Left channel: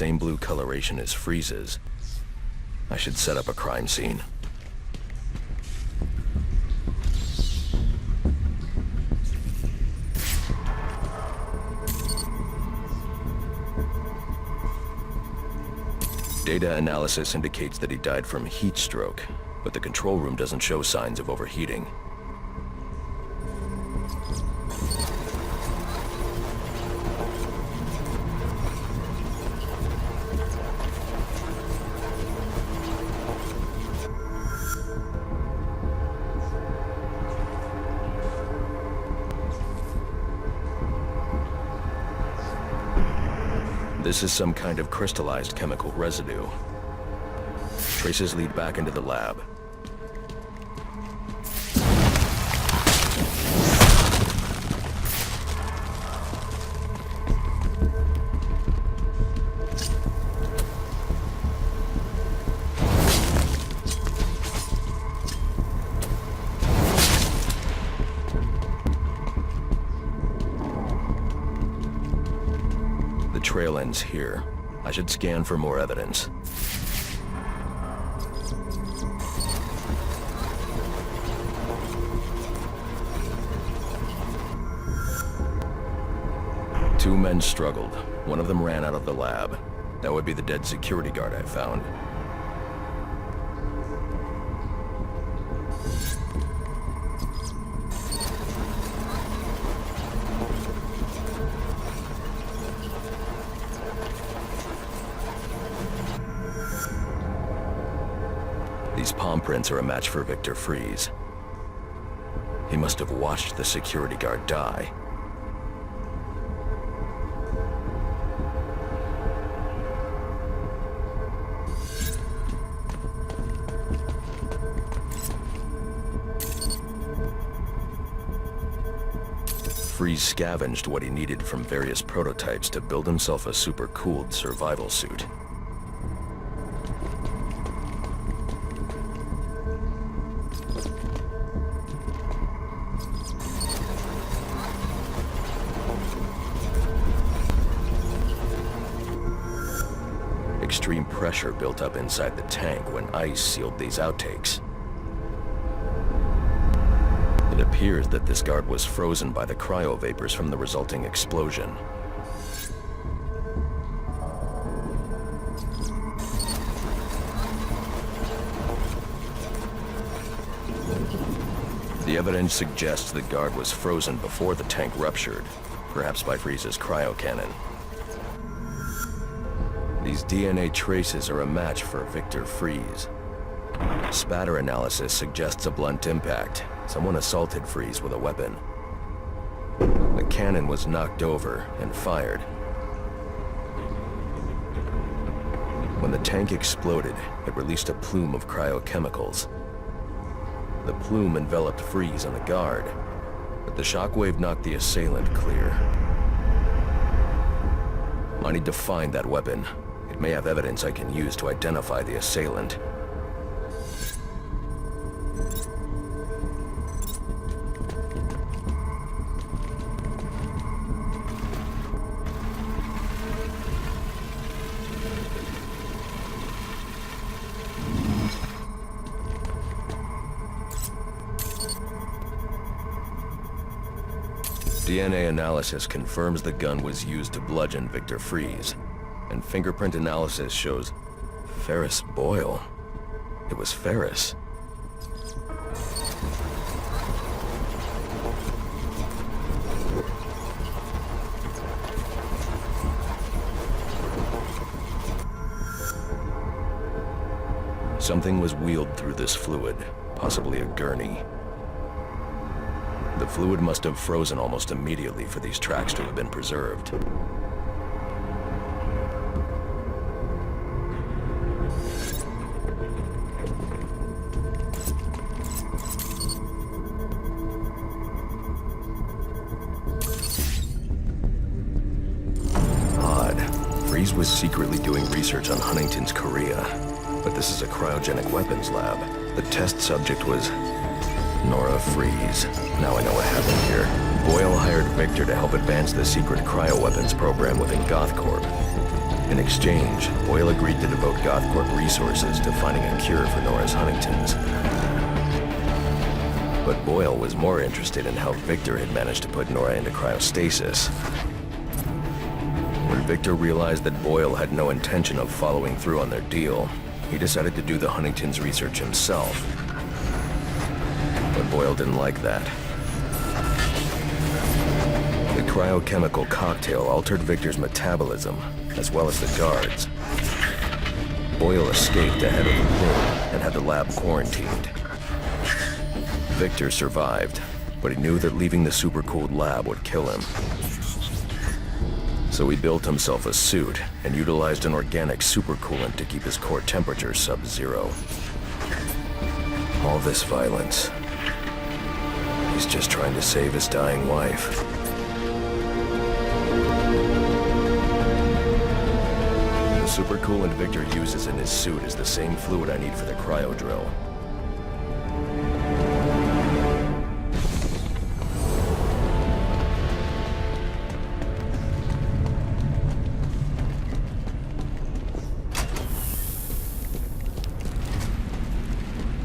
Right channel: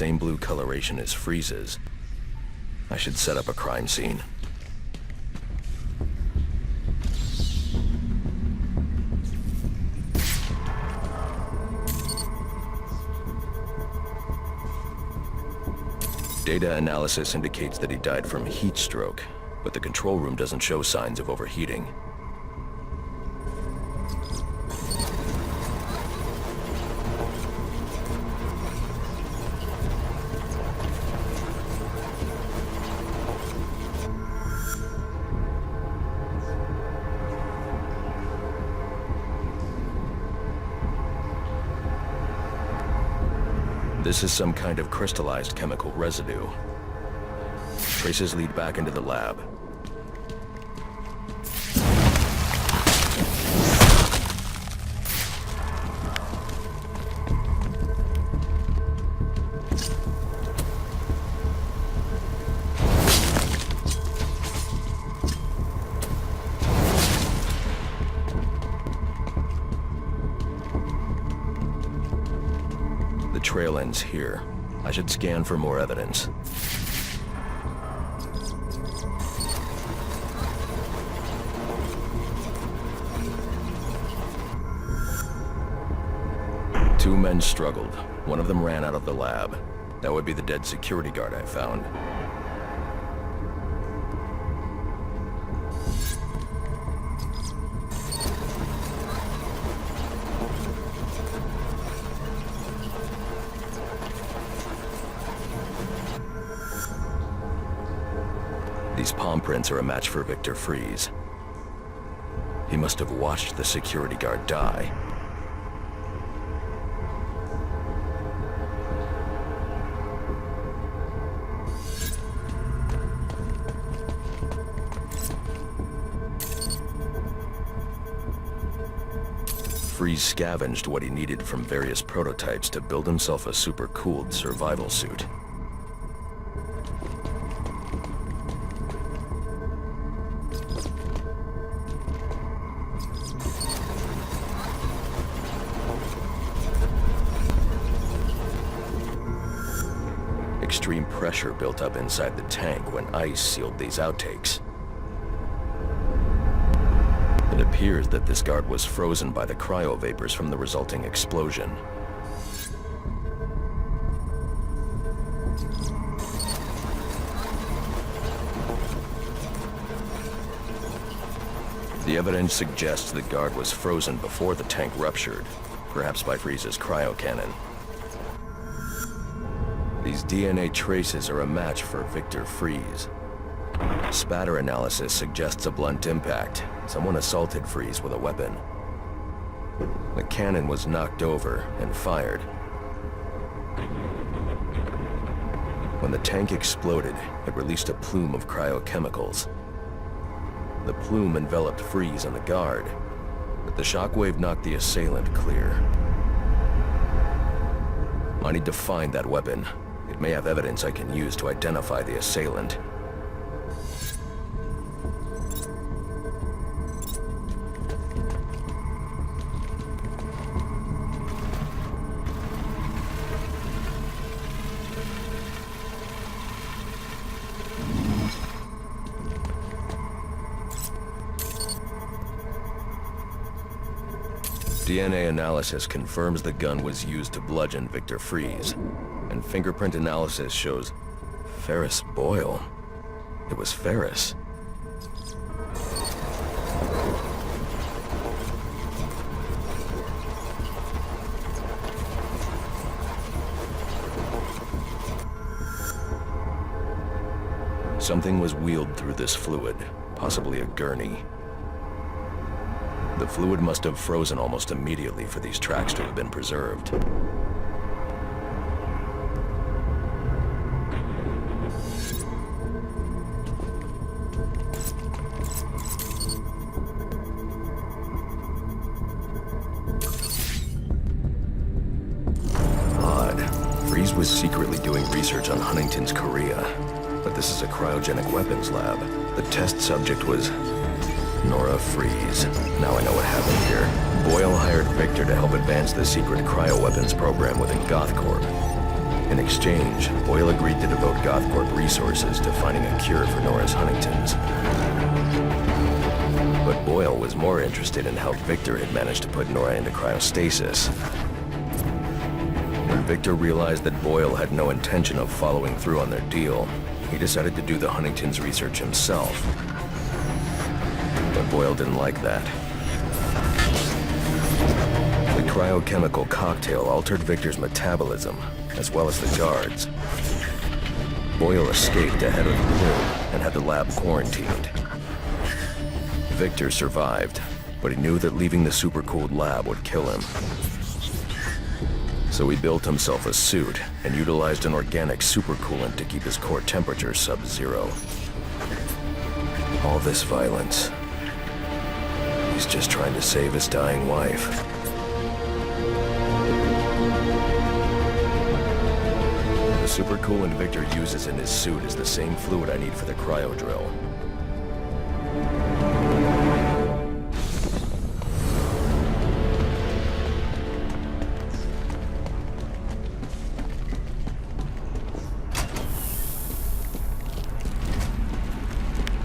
Same blue coloration as Freeze's. I should set up a crime scene. Data analysis indicates that he died from heat stroke, but the control room doesn't show signs of overheating. This is some kind of crystallized chemical residue. Traces lead back into the lab. The trail ends here. I should scan for more evidence. Two men struggled. One of them ran out of the lab. That would be the dead security guard I found. These palm prints are a match for Victor Freeze. He must have watched the security guard die. Freeze scavenged what he needed from various prototypes to build himself a super-cooled survival suit. Extreme pressure built up inside the tank when ice sealed these outtakes. It appears that this guard was frozen by the cryovapors from the resulting explosion. The evidence suggests the guard was frozen before the tank ruptured, perhaps by Freeze's cryocannon. These DNA traces are a match for Victor Freeze. Spatter analysis suggests a blunt impact. Someone assaulted Freeze with a weapon. The cannon was knocked over and fired. When the tank exploded, it released a plume of cryochemicals. The plume enveloped Freeze and the guard, but the shockwave knocked the assailant clear. I need to find that weapon. It may have evidence I can use to identify the assailant. DNA analysis confirms the gun was used to bludgeon Victor Freeze, and fingerprint analysis shows Ferris Boyle. It was Ferris. Something was wheeled through this fluid, possibly a gurney. The fluid must have frozen almost immediately for these tracks to have been preserved. Odd. Freeze was secretly doing research on Huntington's Korea, but this is a cryogenic weapons lab. The test subject was Nora Freeze. Now I know what happened here. Boyle hired Victor to help advance the secret cryoweapons program within Goth Corp. In exchange, Boyle agreed to devote GothCorp resources to finding a cure for Nora's Huntington's. But Boyle was more interested in how Victor had managed to put Nora into cryostasis. When Victor realized that Boyle had no intention of following through on their deal, he decided to do the Huntington's research himself. But Boyle didn't like that. The cryochemical cocktail altered Victor's metabolism, as well as the guards. Boyle escaped ahead of the plume and had the lab quarantined. Victor survived, but he knew that leaving the supercooled lab would kill him. So he built himself a suit and utilized an organic supercoolant to keep his core temperature sub-zero. All this violence. He's just trying to save his dying wife. The supercoolant Victor uses in his suit is the same fluid I need for the cryo drill.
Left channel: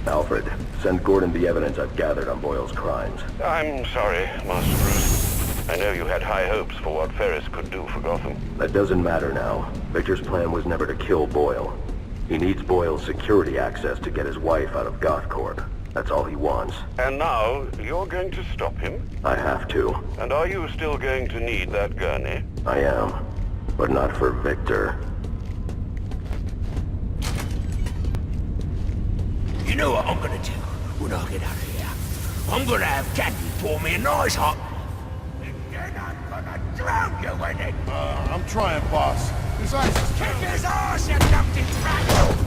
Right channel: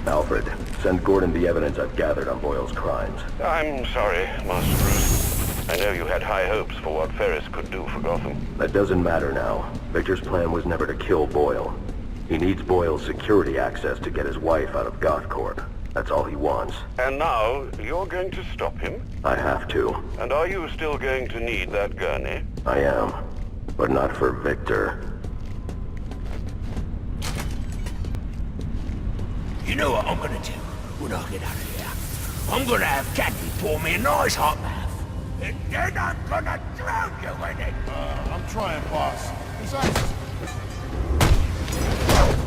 Alfred, send Gordon the evidence I've gathered on Boyle's crimes. I'm sorry, Master Bruce. I know you had high hopes for what Ferris could do for Gotham. That doesn't matter now. Victor's plan was never to kill Boyle. He needs Boyle's security access to get his wife out of GothCorp. That's all he wants. And now, you're going to stop him? I have to. And are you still going to need that gurney? I am. But not for Victor. You know what I'm gonna do when I get out of here? I'm gonna have Candy pour me a nice hot bath. And then I'm gonna drown you in it! I'm trying, boss. His eyes is Kick his arse, you dumpty tramp!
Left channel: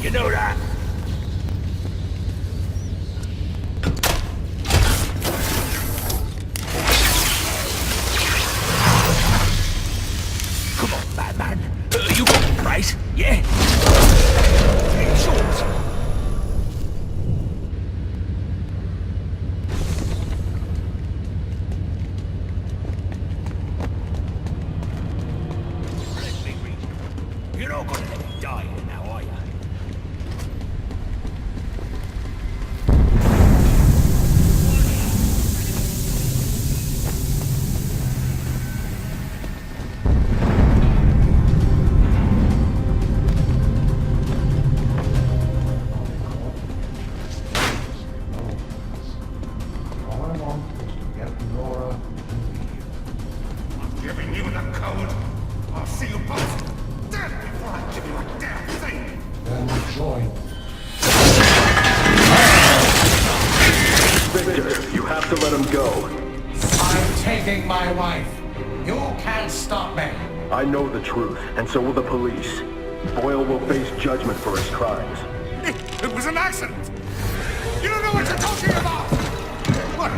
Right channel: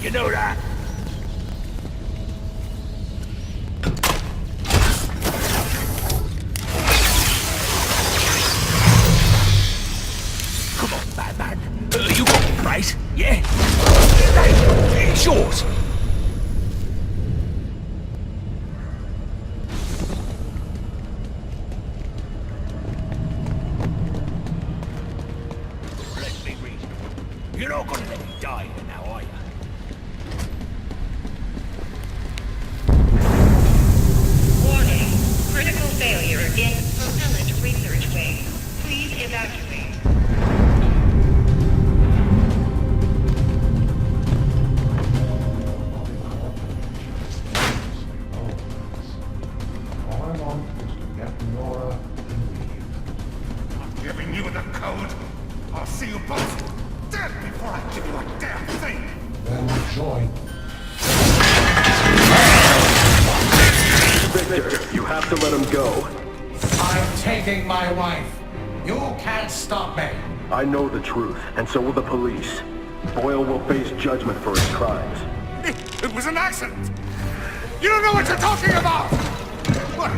You know that? Come on, Batman. You got the price, yeah? It's yours. Let's be reasonable. You're not gonna let me die here now, are you? Failure in propellant research phase. Please evacuate. All I want is to get Nora and leave. I'm giving you the code. I'll see you both dead before I give you a damn thing. Then join. Victor, you have to let him go. I'm taking my wife. You can't stop me. I know the truth, and so will the police. Boyle will face judgment for his crimes. It was an accident. You don't know what you're talking about. What?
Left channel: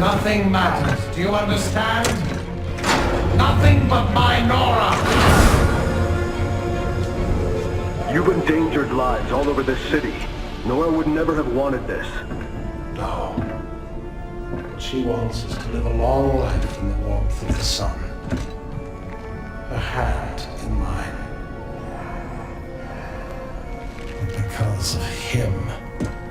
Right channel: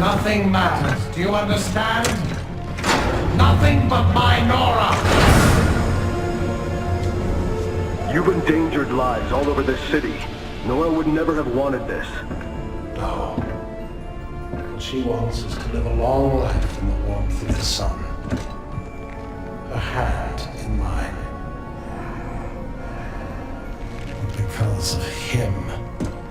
Nothing matters. Do you understand? Nothing but my Nora. You've endangered lives all over this city. Nora would never have wanted this. No. What she wants is to live a long life in the warmth of the sun. Her hand in mine. And because of him,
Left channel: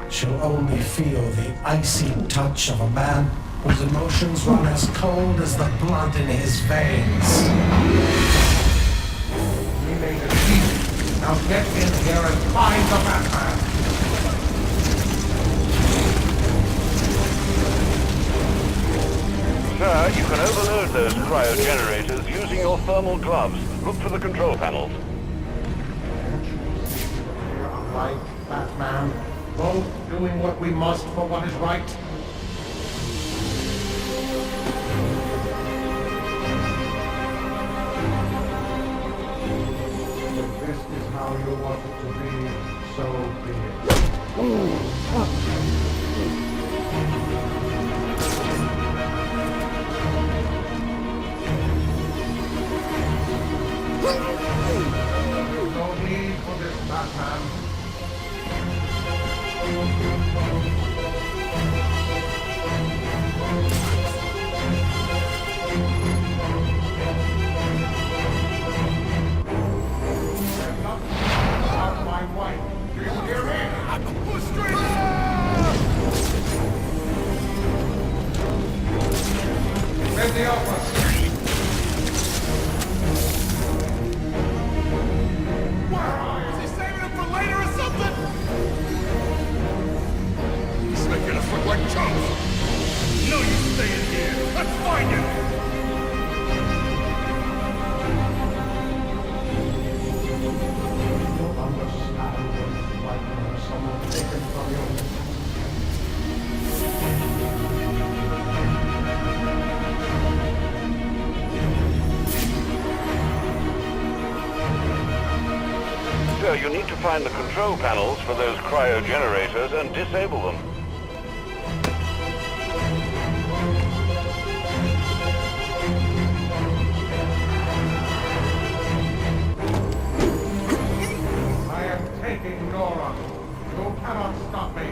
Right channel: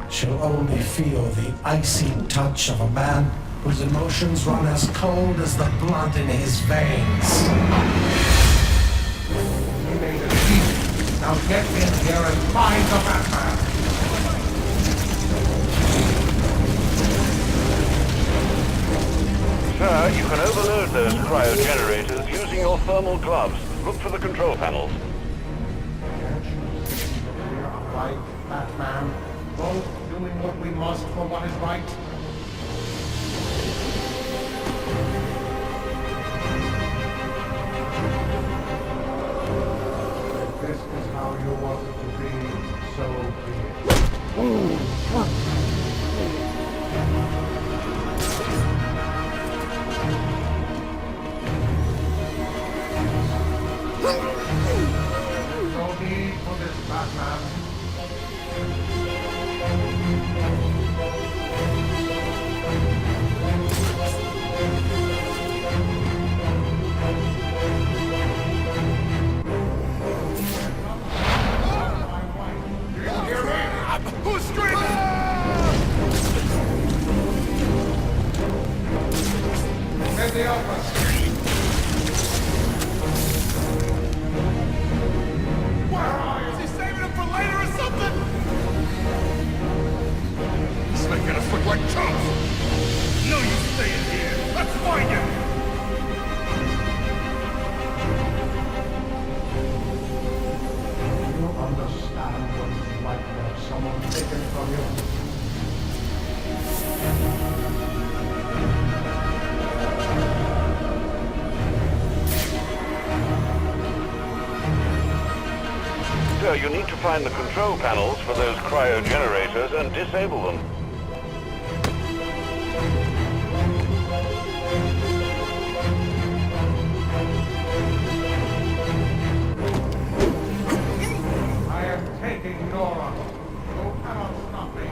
she'll only feel the icy touch of a man whose emotions run as cold as the blood in his veins. We made a deal. Now get in here and find the Batman. Sir, you can overload those cryogenerators using your thermal gloves. Look for the control panels. Can't you see that we're alike, Batman? Both doing what we must for what is right? If this is how you want it to be, so be it. There's no need for this, Batman. I'm not about my wife. Do you hear me? Who's screaming? In the office. Where are you? Is he saving him for later or something? He's making us look like chumps. No, you stay in here. Let's find him. You understand what it's like to have someone taken from you. Sir, you need to find the control panels for those cryogenerators and disable them. I am taking Nora. You cannot stop me.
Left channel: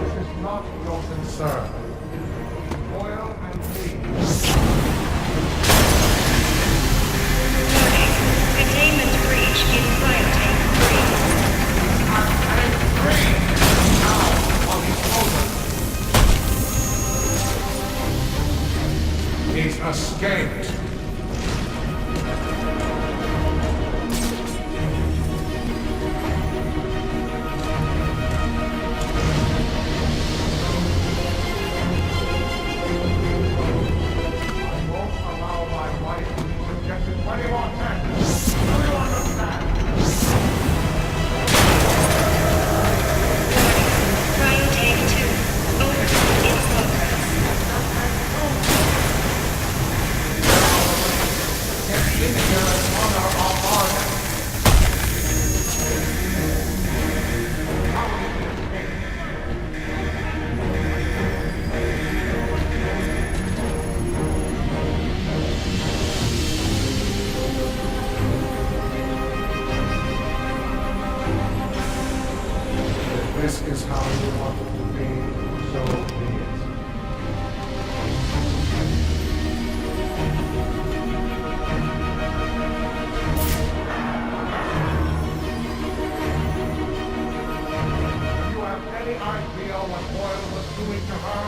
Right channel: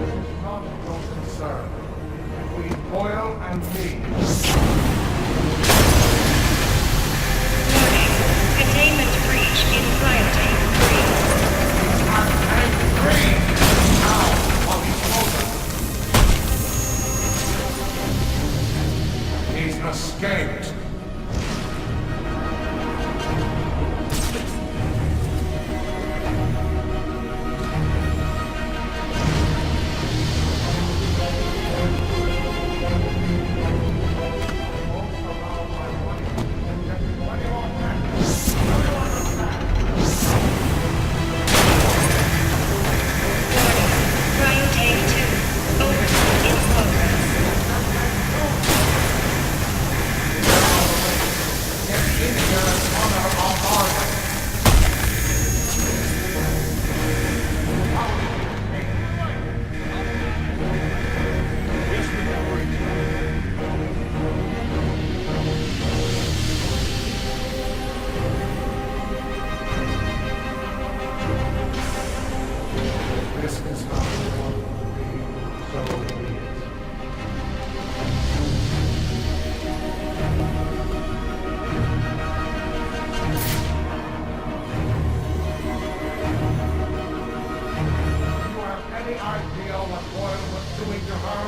This is not your concern. It is between Boyle and me. Warning. Containment breach in cryotank 3. I'm angry. Now, while he's frozen. He's escaped. I won't allow my wife to be subjected to any more tests. Do you understand? Warning. Cryotank 2. Overload in progress. Get in here and honor our bargain. How did you escape? If this is how you want it to be, so be it. Do you have any idea what Boyle was doing to her?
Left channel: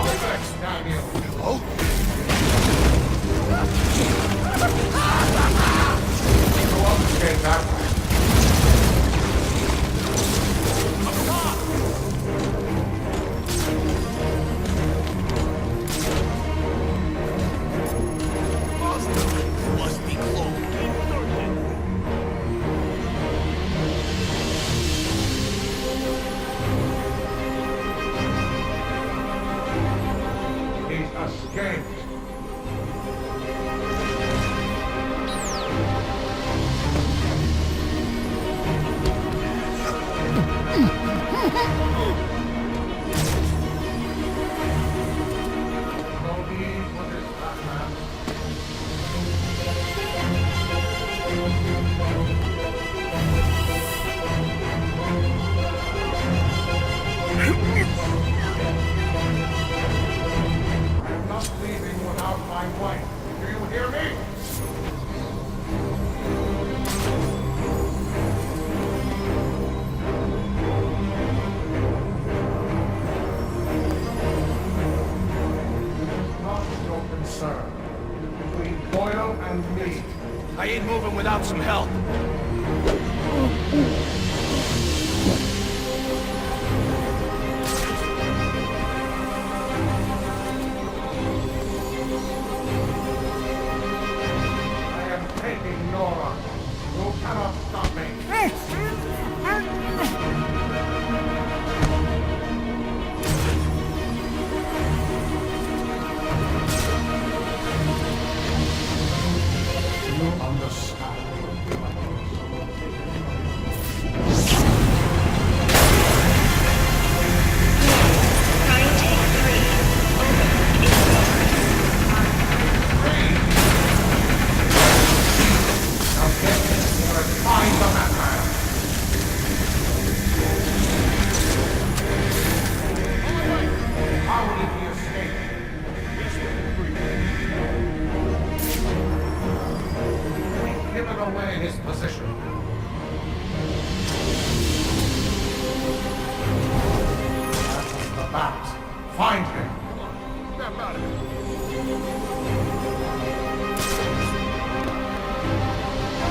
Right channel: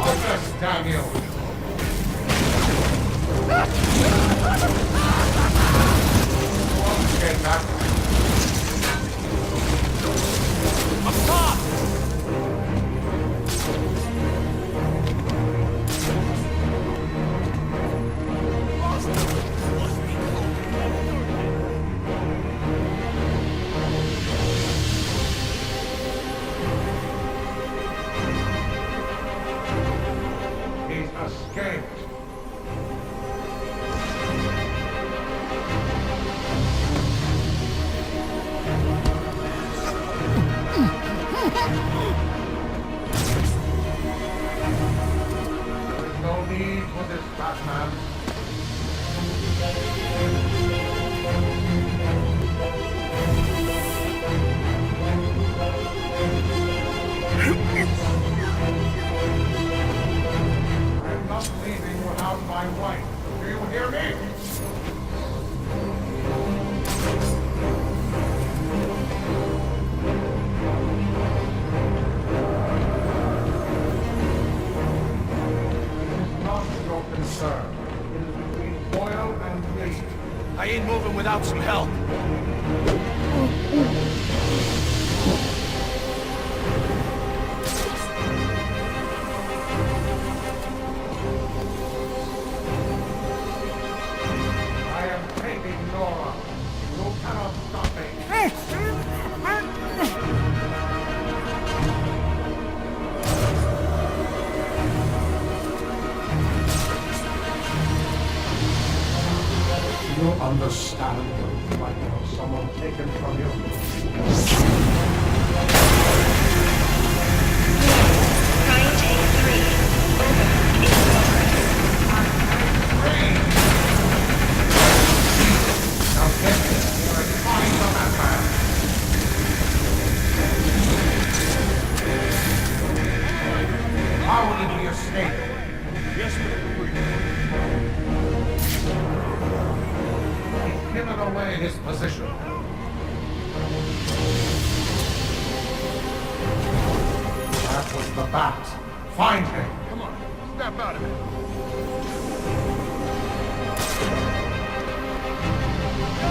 Office, damn you! Go up and get that way. Up top! Boston must be close. He's escaped. sir. It is between Boyle and me. I ain't moving without some help. I am taking Nora. You cannot stop me. Do you understand what it's like to have someone taken from you? Prime Tank 3. Over. Now get here and find the madman. How did he escape? Yes, Mr. Freeze. He's given away his position. That was the bat. Find him. Come on, snap out of it. Yo,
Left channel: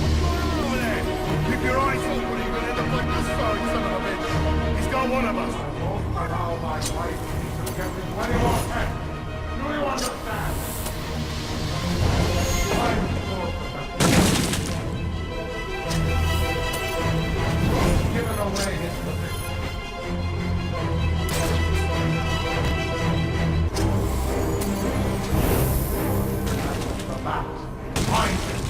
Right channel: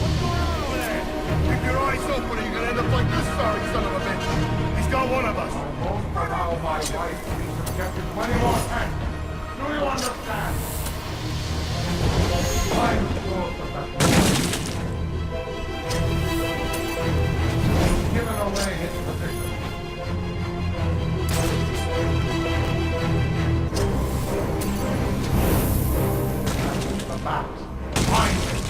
what's going on over there? Keep your eyes open or you're gonna end up like this sorry son of a bitch. He's got one of us. I won't allow my wife to be subjected to any more tests. Do you understand? I'm sure that he's given away his position. That was the bat. Find him.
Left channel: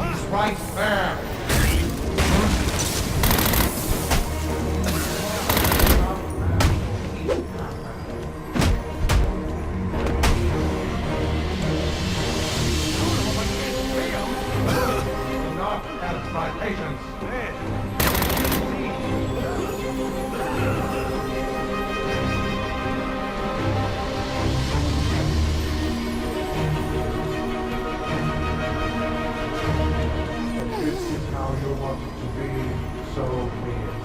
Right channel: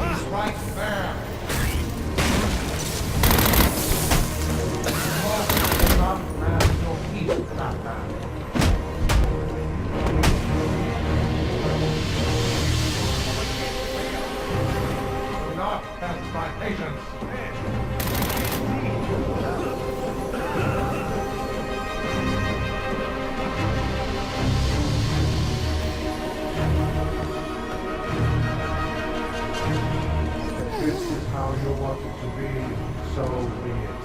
He's right there. Do not test my patience. If this is how you want it to be, so be it.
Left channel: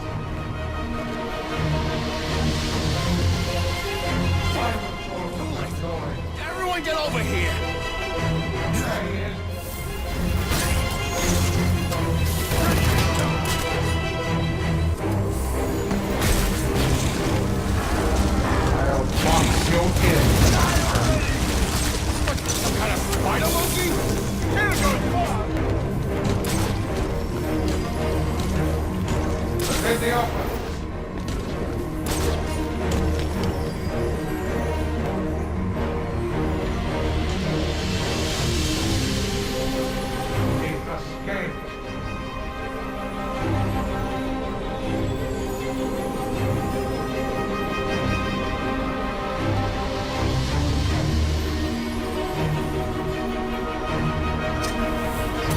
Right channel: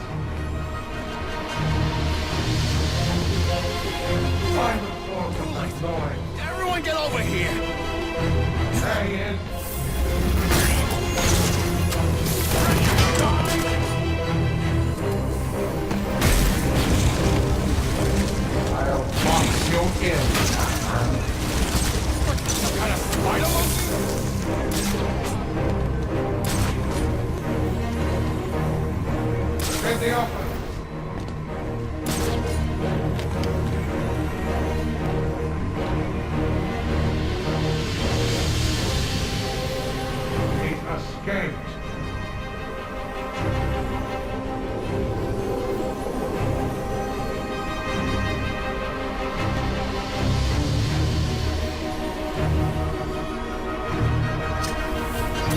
Find the source of that noise. Everyone get over here. There he is. I'll box you in. Some kind of spider monkey? Get the office. He escaped.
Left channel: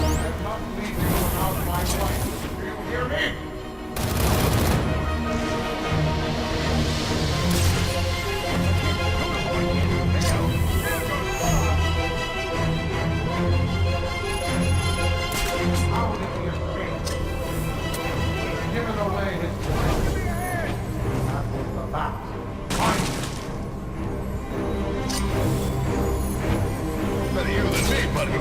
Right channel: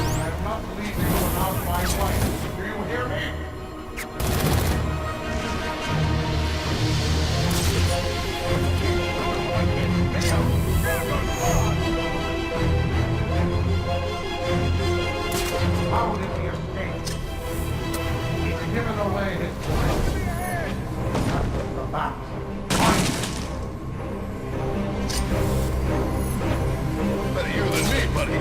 I am not leaving without my wife. Do you hear me? How did he escape? He's given away his voice. That was the bat. Find him. Better you than me, buddy.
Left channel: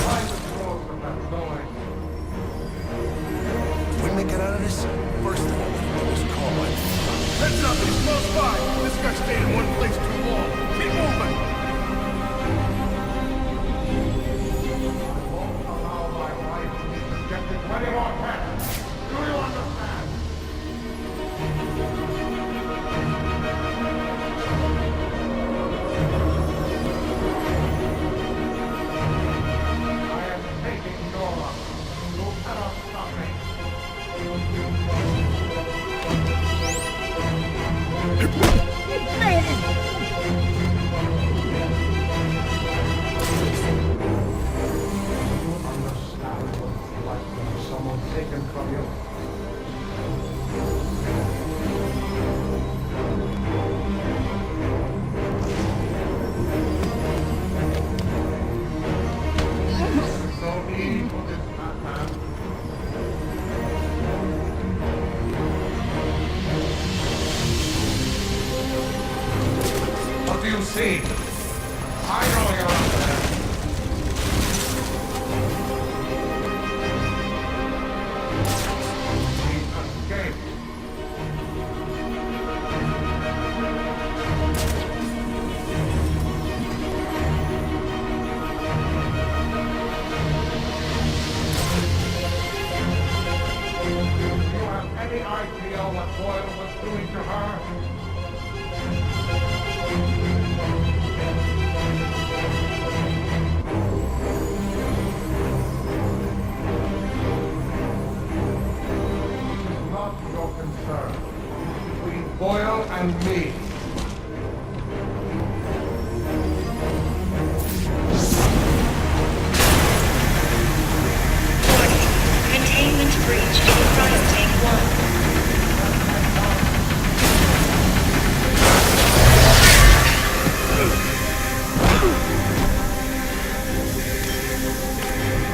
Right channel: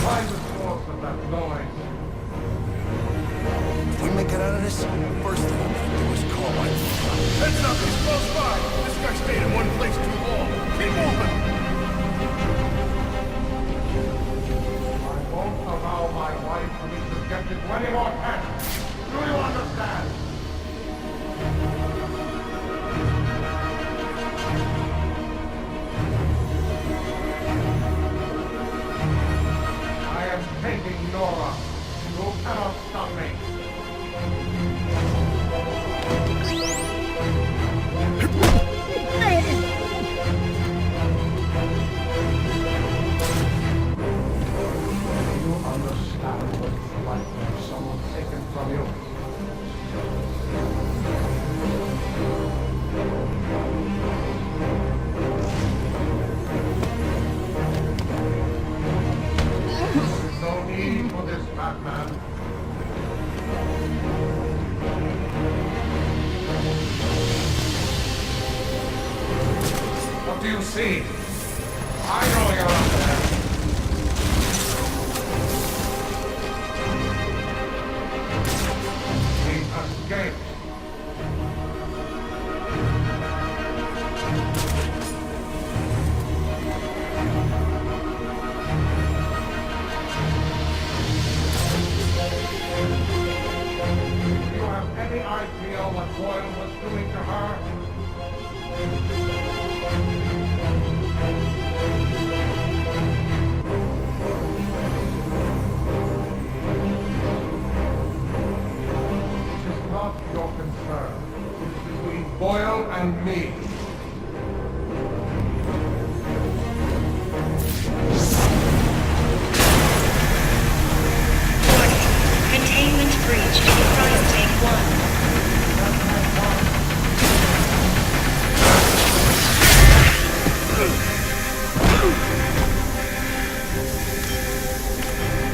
Find the source of that noise. If we make it out of this, first thing I'm gonna do is call my mom. Heads up, he's close by. This guy stayed in one place too long. Keep moving. I won't allow my wife to be subjected to any more tests. Do you understand? I am taking Nora. You cannot stop me. Do you understand what it's like to have someone taken from you? What do you see? I know you're up there. He escaped. Do you have any idea what Boyle was doing to her? It is not your concern. It is between Boyle and me. Warning. Containment breach in Cryotank 1.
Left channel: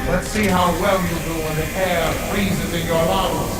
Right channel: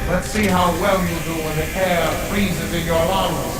Let's see how well you do when the air freezes in your lungs.